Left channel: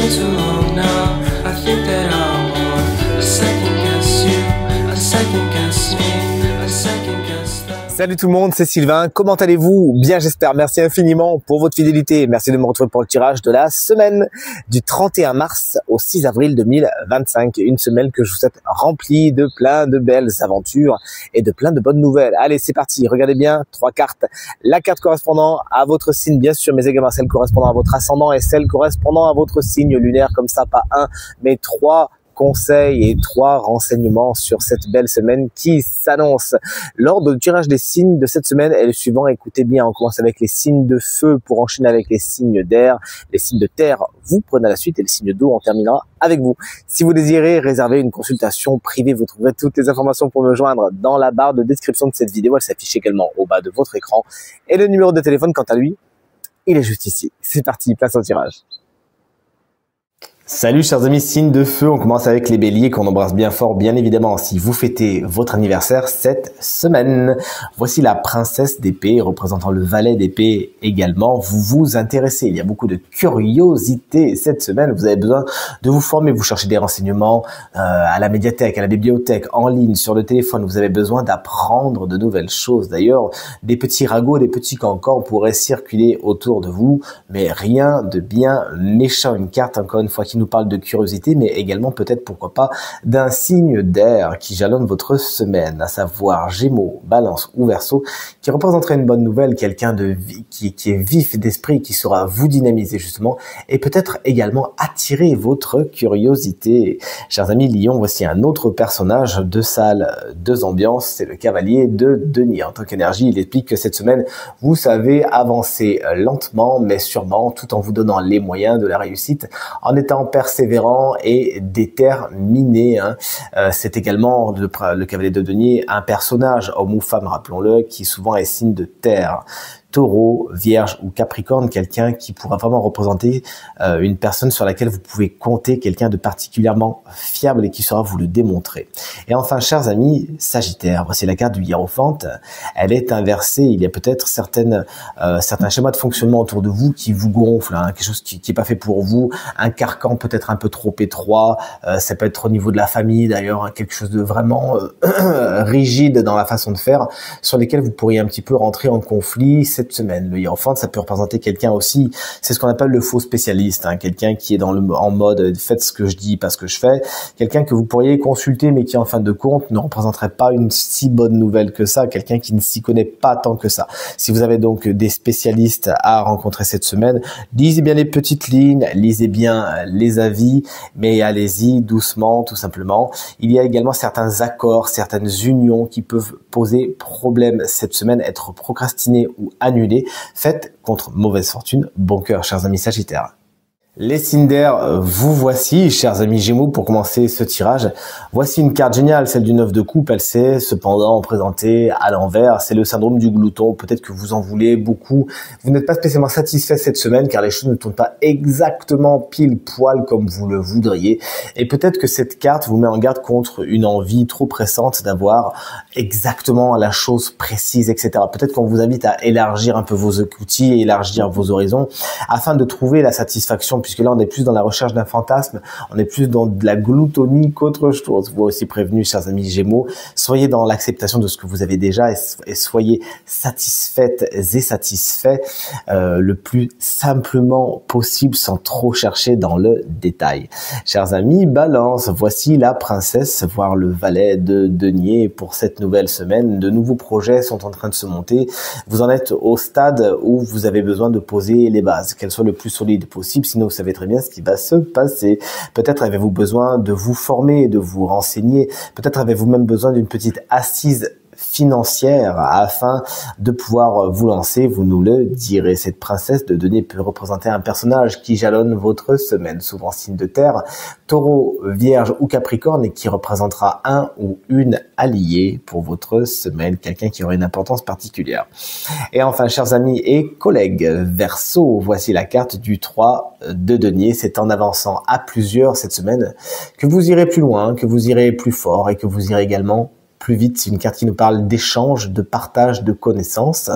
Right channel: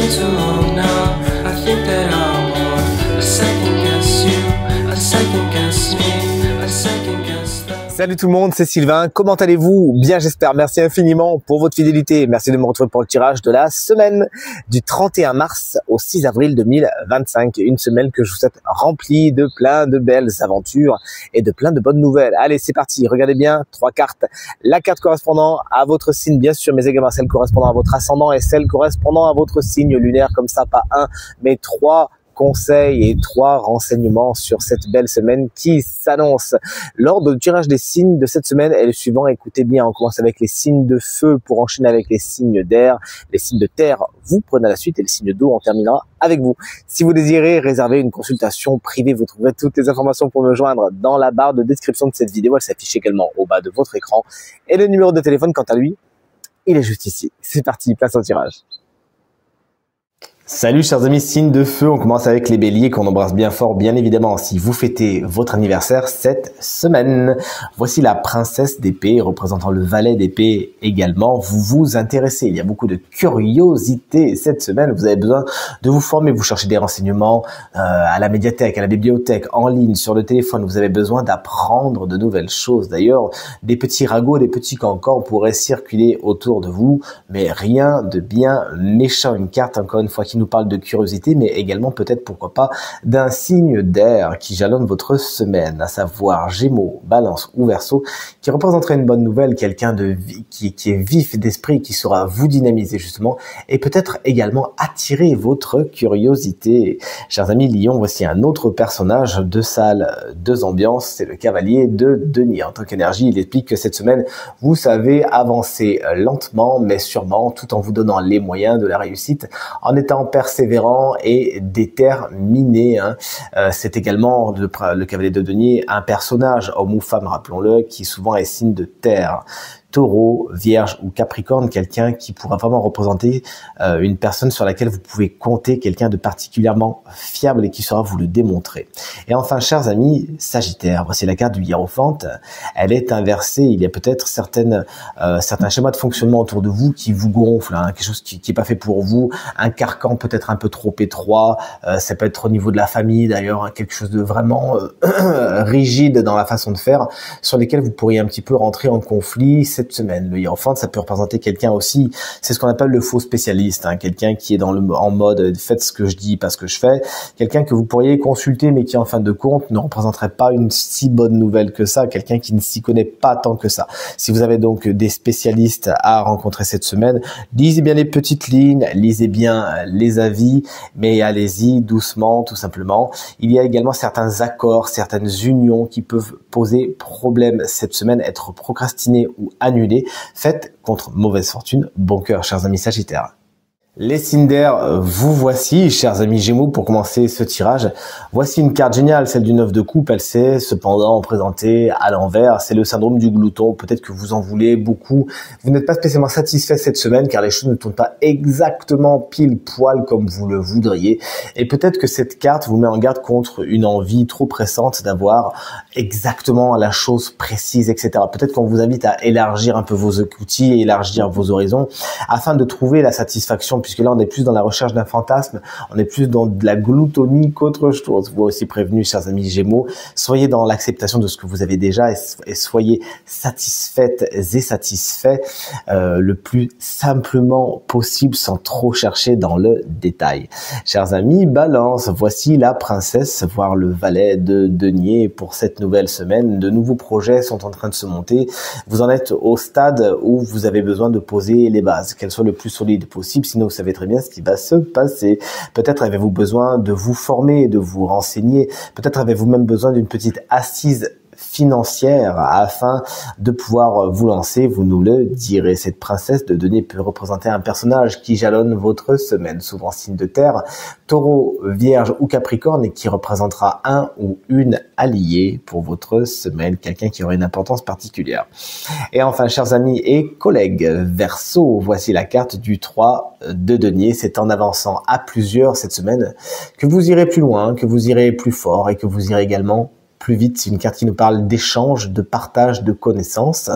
been too long now. I think that I want a second guess you, a second guess me, a second guess that. Salut tout le monde, c'est Sylvain. Comment allez-vous? Bien, j'espère. Merci infiniment pour votre fidélité. Merci de me retrouver pour le tirage de la semaine du 31 mars au 6 avril 2025. Une semaine que je vous souhaite remplie de plein de belles aventures et de plein de bonnes nouvelles. Allez, c'est parti. Regardez bien, 3 cartes. La carte correspondant à votre signe, bien sûr, mais également celle correspondant à votre ascendant et celle correspondant à votre signe lunaire. Comme ça, pas un, mais 3 conseils et 3 renseignements sur cette belle semaine qui s'annonce. L'ordre de tirage des signes de cette semaine est le suivant. Écoutez bien, on commence avec les signes de feu pour enchaîner avec les signes d'air. Les signes de terre, vous prenez la suite et les signes d'eau, on terminera avec vous. Si vous désirez réserver une consultation privée, vous trouverez toutes les informations pour me joindre dans la barre de description de cette vidéo. Elle s'affiche également au bas de votre écran. Et le numéro de téléphone, quant à lui, il est juste ici. C'est parti, place au tirage. Salut chers amis, signes de feu, on commence avec les béliers qu'on embrasse bien fort, bien évidemment, si vous fêtez votre anniversaire cette semaine. Voici la princesse d'épée, représentant le valet d'épée également. Vous vous intéressez, il y a beaucoup de curiosité cette semaine, vous avez besoin de vous former, vous cherchez des renseignements à la médiathèque, à la bibliothèque, en ligne, sur le téléphone, vous avez besoin d'apprendre de nouvelles choses. D'ailleurs, des petits ragots, des petits cancans pourraient circuler autour de vous, mais rien de bien méchant. Une carte, encore une fois, qui nous parle de curiosité, mais également peut-être, pourquoi pas, d'un signe d'air qui jalonne votre semaine, à savoir Gémeaux, Balance ou Verseau, qui représenterait une bonne nouvelle, quelqu'un de qui est vif d'esprit, qui saura vous dynamiser justement, et peut-être également attirer votre curiosité. Chers amis Lion, voici un autre personnage, 2 salles, 2 ambiances, c'est le cavalier de denier. En tant qu'énergie, il explique que cette semaine, vous savez avancer lentement, mais sûrement, tout en vous donnant les moyens de la réussite, en étant persévérant et déterminé. C'est également le cavalier de denier, un personnage, homme ou femme, rappelons-le, qui souvent est signe de terre. Taureau, Vierge ou Capricorne, quelqu'un qui pourra vraiment représenter une personne sur laquelle vous pouvez compter, quelqu'un de particulièrement fiable et qui saura vous le démontrer. Et enfin, chers amis Sagittaire, voici la carte du hiérophante. Elle est inversée, il y a peut-être certains schémas de fonctionnement autour de vous qui vous gonflent, quelque chose qui est pas fait pour vous, un carcan peut-être un peu trop étroit, ça peut être au niveau de la famille d'ailleurs, quelque chose de vraiment rigide dans la façon de faire, sur lesquels vous pourriez un petit peu rentrer en conflit cette semaine. Le hiérophante, ça peut représenter quelqu'un aussi, c'est ce qu'on appelle le faux spécialiste, quelqu'un qui est en mode faites ce que je dis, pas ce que je fais, quelqu'un que vous pourriez consulter mais qui en fin de compte ne représenterait pas une si bonne nouvelle que ça, quelqu'un qui ne s'y connaît pas tant que ça. Si vous avez donc des spécialistes à rencontrer cette semaine, lisez bien les petites lignes, lisez bien les avis, mais allez-y doucement, tout simplement. Il y a également certains accords, certaines unions qui peuvent poser problème cette semaine, être procrastinés ou annulés. Faites contre mauvaise fortune. Bon cœur, chers amis Sagittaires. Les signes d'air, vous voici, chers amis Gémeaux, pour commencer ce tirage. Voici une carte géniale, celle du 9 de coupe. Elle s'est cependant présentée à l'envers. C'est le syndrome du glouton. Peut-être que vous en voulez beaucoup. Vous n'êtes pas spécialement satisfait cette semaine car les choses ne tournent pas exactement pile poil comme vous le voudriez. Et peut-être que cette carte vous met en garde contre une envie trop pressante d'avoir exactement la chose précise, etc. Peut-être qu'on vous invite à élargir un peu vos outils et élargir vos horizons afin de trouver la satisfaction, puisque là on est plus dans la recherche d'un fantasme, on est plus dans de la gloutonie qu'autre chose. Vous aussi prévenus, chers amis Gémeaux, soyez dans l'acceptation de ce que vous avez déjà et soyez satisfaites et satisfaits le plus simplement possible sans trop chercher dans le détail. Chers amis Balance, voici la princesse, voire le valet de denier pour cette nouvelle semaine. De nouveaux projets sont en train de se monter. Vous en êtes au stade où vous avez besoin de poser les bases, qu'elles soient le plus solides possible, sinon vous savez très bien ce qui va se passer. Peut-être avez-vous besoin de vous former, de vous renseigner. Peut-être avez-vous même besoin d'une petite assise financière afin de pouvoir vous lancer, vous nous le direz. Cette princesse de denier peut représenter un personnage qui jalonne votre semaine, souvent signe de terre, Taureau, Vierge ou Capricorne, et qui représentera un ou une alliée pour votre semaine, quelqu'un qui aurait une importance particulière. Et enfin, chers amis et collègues Verseau, voici la carte du 3 de denier. C'est en avançant à plusieurs cette semaine que vous irez plus loin, que vous irez plus fort et que vous irez également plus vite. C'est une carte qui nous parle d'échange, de partage de connaissances,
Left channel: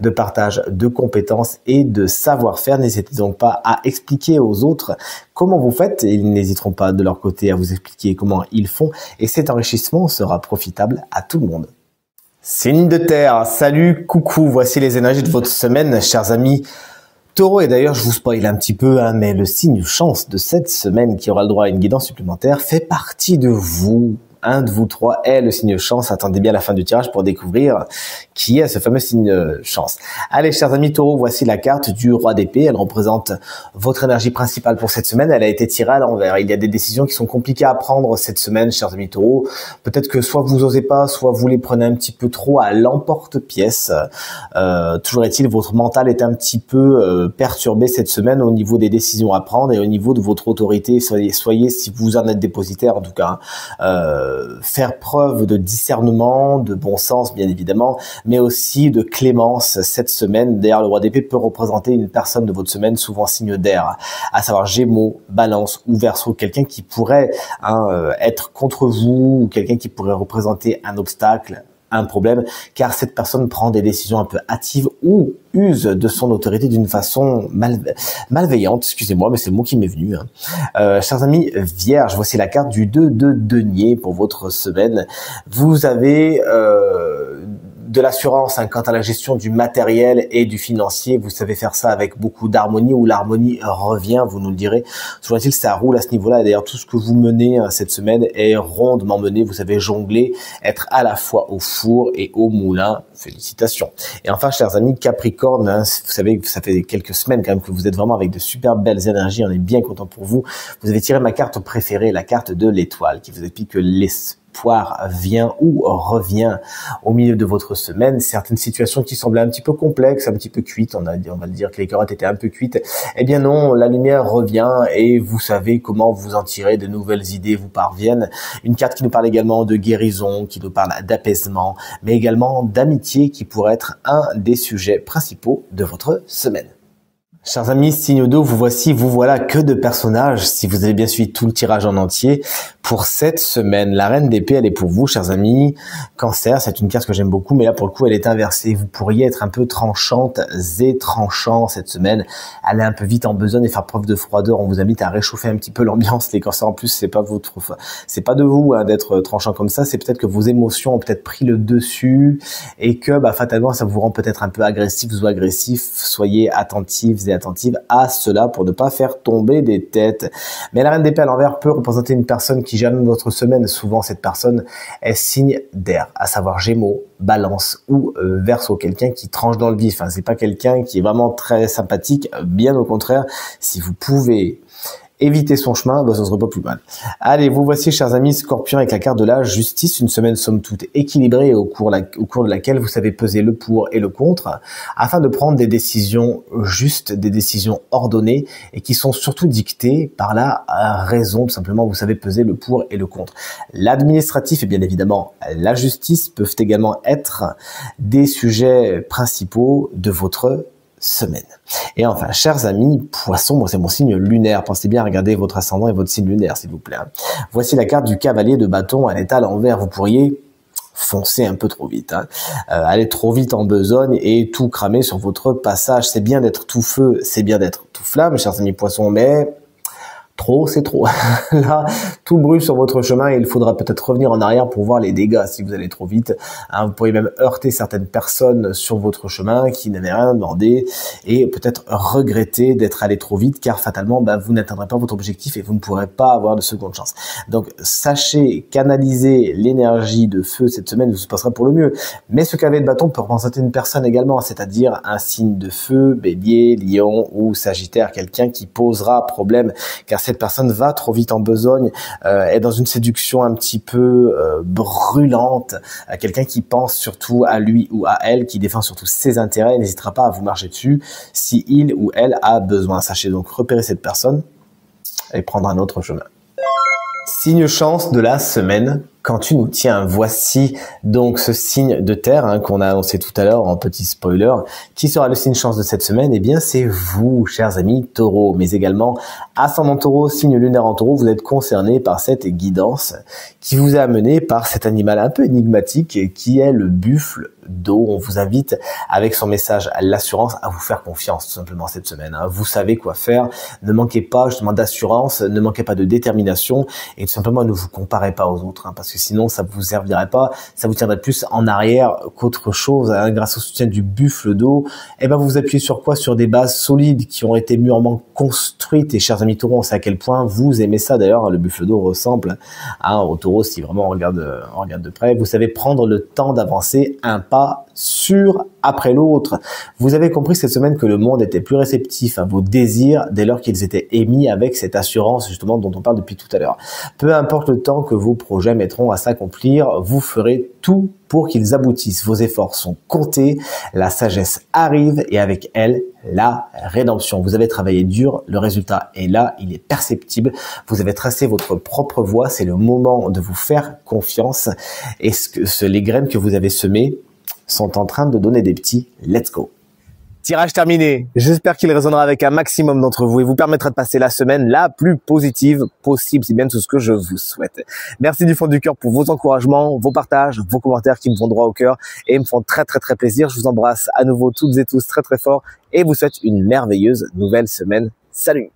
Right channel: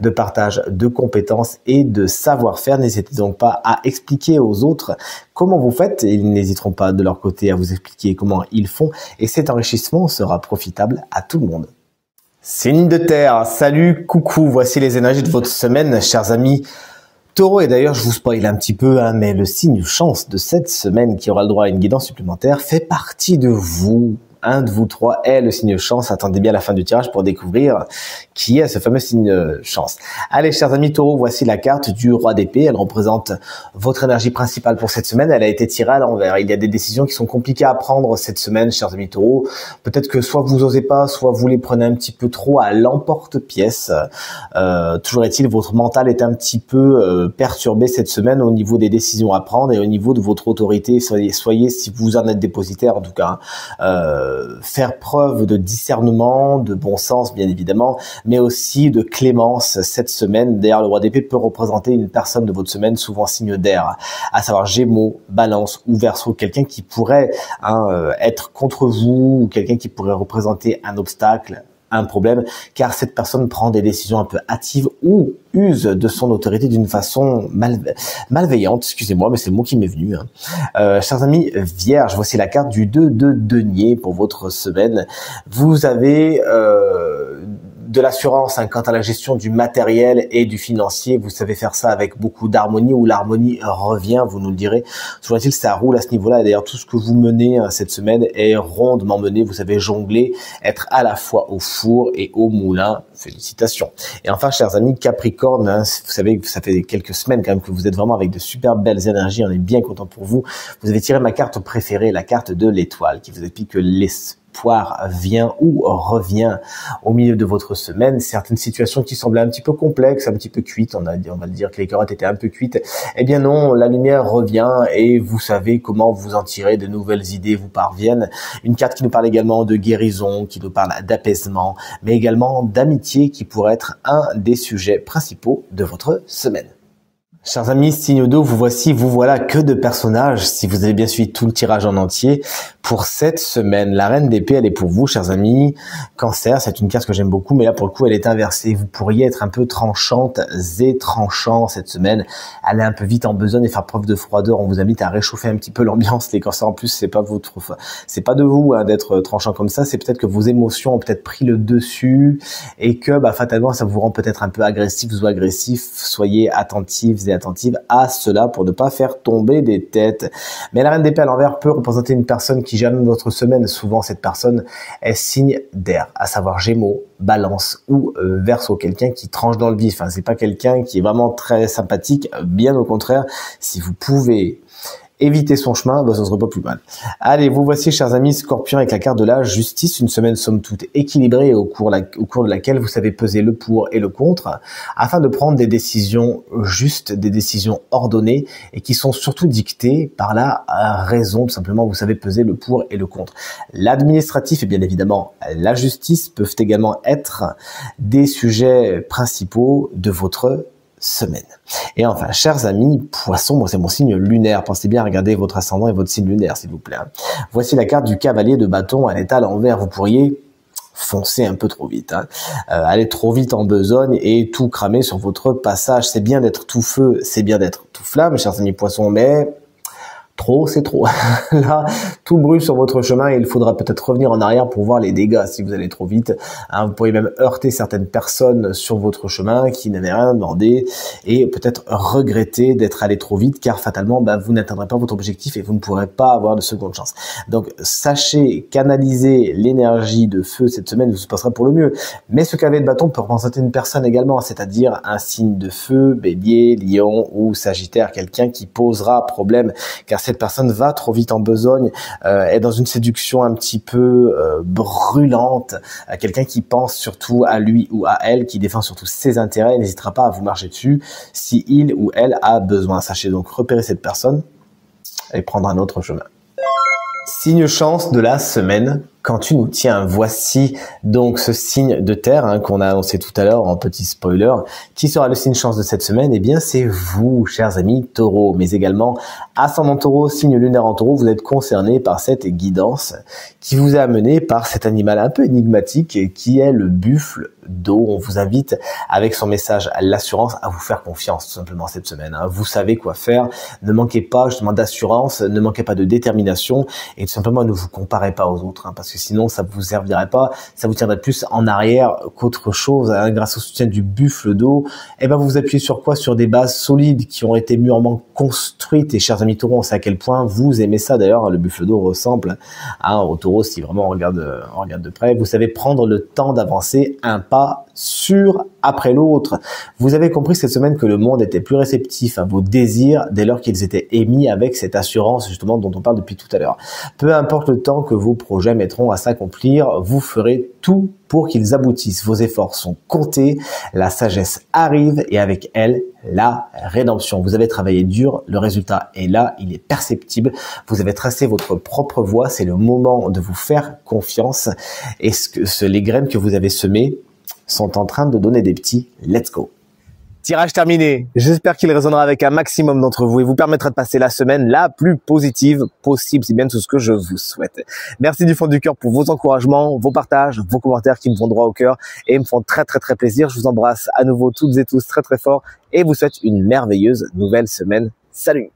de partage de compétences et de savoir-faire. N'hésitez donc pas à expliquer aux autres comment vous faites et ils n'hésiteront pas de leur côté à vous expliquer comment ils font et cet enrichissement sera profitable à tout le monde. Signe de terre, salut, coucou, voici les énergies de votre semaine, chers amis Taureau. Et d'ailleurs, je vous spoil un petit peu, mais le signe chance de cette semaine qui aura le droit à une guidance supplémentaire fait partie de vous. Un de vous trois est le signe chance. Attendez bien la fin du tirage pour découvrir qui est ce fameux signe chance. Allez, chers amis Taureau, voici la carte du roi d'épée. Elle représente votre énergie principale pour cette semaine. Elle a été tirée à l'envers. Il y a des décisions qui sont compliquées à prendre cette semaine, chers amis Taureau. Peut-être que soit vous osez pas, soit vous les prenez un petit peu trop à l'emporte-pièce. Toujours est-il, votre mental est un petit peu perturbé cette semaine au niveau des décisions à prendre et au niveau de votre autorité. Soyez si vous en êtes dépositaire en tout cas, faire preuve de discernement, de bon sens bien évidemment, mais aussi de clémence cette semaine. D'ailleurs, le roi d'épée peut représenter une personne de votre semaine, souvent signe d'air, à savoir Gémeaux, Balance ou Verseau, quelqu'un qui pourrait être contre vous ou quelqu'un qui pourrait représenter un obstacle, un problème, car cette personne prend des décisions un peu hâtives ou use de son autorité d'une façon malveillante, excusez-moi, mais c'est le mot qui m'est venu. Chers amis Vierge, voici la carte du 2 de denier pour votre semaine. Vous avez de l'assurance quant à la gestion du matériel et du financier. Vous savez faire ça avec beaucoup d'harmonie, où l'harmonie revient, vous nous le direz. Toujours est-il que ça roule à ce niveau-là. D'ailleurs, tout ce que vous menez cette semaine est rondement mené. Vous savez jongler, être à la fois au four et au moulin. Félicitations. Et enfin, chers amis Capricorne, vous savez que ça fait quelques semaines quand même que vous êtes vraiment avec de super belles énergies. On est bien content pour vous. Vous avez tiré ma carte préférée, la carte de l'étoile, qui vous explique que l'espoir vient ou revient au milieu de votre semaine. Certaines situations qui semblaient un petit peu complexes, un petit peu cuites, on va le dire que les carottes étaient un peu cuites, eh bien non, la lumière revient et vous savez comment vous en tirer, de nouvelles idées vous parviennent. Une carte qui nous parle également de guérison, qui nous parle d'apaisement, mais également d'amitié qui pourrait être un des sujets principaux de votre semaine. Chers amis, signe d'eau, vous voilà que de personnages, si vous avez bien suivi tout le tirage en entier, pour cette semaine. La reine d'épée, elle est pour vous, chers amis. Cancer, c'est une carte que j'aime beaucoup, mais là, pour le coup, elle est inversée. Vous pourriez être un peu tranchante et tranchant cette semaine, aller un peu vite en besogne et faire preuve de froideur. On vous invite à réchauffer un petit peu l'ambiance. Les cancers, en plus, c'est pas de vous d'être tranchant comme ça. C'est peut-être que vos émotions ont peut-être pris le dessus et que, fatalement, ça vous rend peut-être un peu agressif ou agressif. Soyez attentifs et attentives à cela pour ne pas faire tomber des têtes. Mais la reine d'épée à l'envers peut représenter une personne qui jalonne votre semaine. Souvent, cette personne est signe d'air, à savoir Gémeaux, Balance ou Verseau, quelqu'un qui tranche dans le vif. C'est pas quelqu'un qui est vraiment très sympathique, bien au contraire. Si vous pouvez éviter son chemin, ça serait pas plus mal. Allez, vous voici, chers amis Scorpion, avec la carte de la justice, une semaine somme toute équilibrée au cours de laquelle vous savez peser le pour et le contre, afin de prendre des décisions justes, des décisions ordonnées, et qui sont surtout dictées par la raison, tout simplement. Vous savez peser le pour et le contre. L'administratif et bien évidemment la justice peuvent également être des sujets principaux de votre semaine. Et enfin, chers amis Poissons, c'est mon signe lunaire. Pensez bien à regarder votre ascendant et votre signe lunaire, s'il vous plaît. Voici la carte du cavalier de bâton. Elle est à l'envers. Vous pourriez foncer un peu trop vite, aller trop vite en besogne et tout cramer sur votre passage. C'est bien d'être tout feu, c'est bien d'être tout flamme, chers amis Poissons, mais trop, c'est trop. Là, tout brûle sur votre chemin et il faudra peut-être revenir en arrière pour voir les dégâts si vous allez trop vite. Vous pourriez même heurter certaines personnes sur votre chemin qui n'avaient rien demandé et peut-être regretter d'être allé trop vite car fatalement, vous n'atteindrez pas votre objectif et vous ne pourrez pas avoir de seconde chance. Donc, sachez canaliser l'énergie de feu cette semaine, tout se passera pour le mieux. Mais ce cavalier de bâton peut représenter une personne également, c'est-à-dire un signe de feu, bélier, lion ou sagittaire, quelqu'un qui posera problème car cette personne va trop vite en besogne, est dans une séduction un petit peu brûlante, quelqu'un qui pense surtout à lui ou à elle, qui défend surtout ses intérêts, n'hésitera pas à vous marcher dessus si il ou elle a besoin. Sachez donc repérer cette personne et prendre un autre chemin. Signe chance de la semaine, quand tu nous tiens. Voici donc ce signe de terre qu'on a annoncé tout à l'heure en petit spoiler. Qui sera le signe chance de cette semaine? Eh bien, c'est vous, chers amis taureaux, mais également ascendant taureau, signe lunaire en taureau. Vous êtes concernés par cette guidance qui vous a amené par cet animal un peu énigmatique qui est le buffle d'eau. On vous invite avec son message à l'assurance à vous faire confiance tout simplement cette semaine. Vous savez quoi faire. Ne manquez pas justement d'assurance, ne manquez pas de détermination et tout simplement ne vous comparez pas aux autres parce que sinon ça vous servirait pas, ça vous tiendrait plus en arrière qu'autre chose. Grâce au soutien du buffle d'eau, et ben vous vous appuyez sur quoi? Sur des bases solides qui ont été mûrement construites. Et chers amis taureaux, on sait à quel point vous aimez ça d'ailleurs. Le buffle d'eau ressemble au taureau si vraiment on regarde de près. Vous savez prendre le temps d'avancer un pas sûr après l'autre. Vous avez compris cette semaine que le monde était plus réceptif à vos désirs dès lors qu'ils étaient émis avec cette assurance justement dont on parle depuis tout à l'heure. Peu importe le temps que vos projets mettront à s'accomplir, vous ferez tout pour qu'ils aboutissent. Vos efforts sont comptés, la sagesse arrive et avec elle, la rédemption. Vous avez travaillé dur, le résultat est là, il est perceptible. Vous avez tracé votre propre voie, c'est le moment de vous faire confiance. Et les graines que vous avez semées sont en train de donner des petits let's go. Tirage terminé. J'espère qu'il résonnera avec un maximum d'entre vous et vous permettra de passer la semaine la plus positive possible. C'est bien tout ce que je vous souhaite. Merci du fond du cœur pour vos encouragements, vos partages, vos commentaires qui me vont droit au cœur et me font très plaisir. Je vous embrasse à nouveau toutes et tous très fort et vous souhaite une merveilleuse nouvelle semaine. Salut!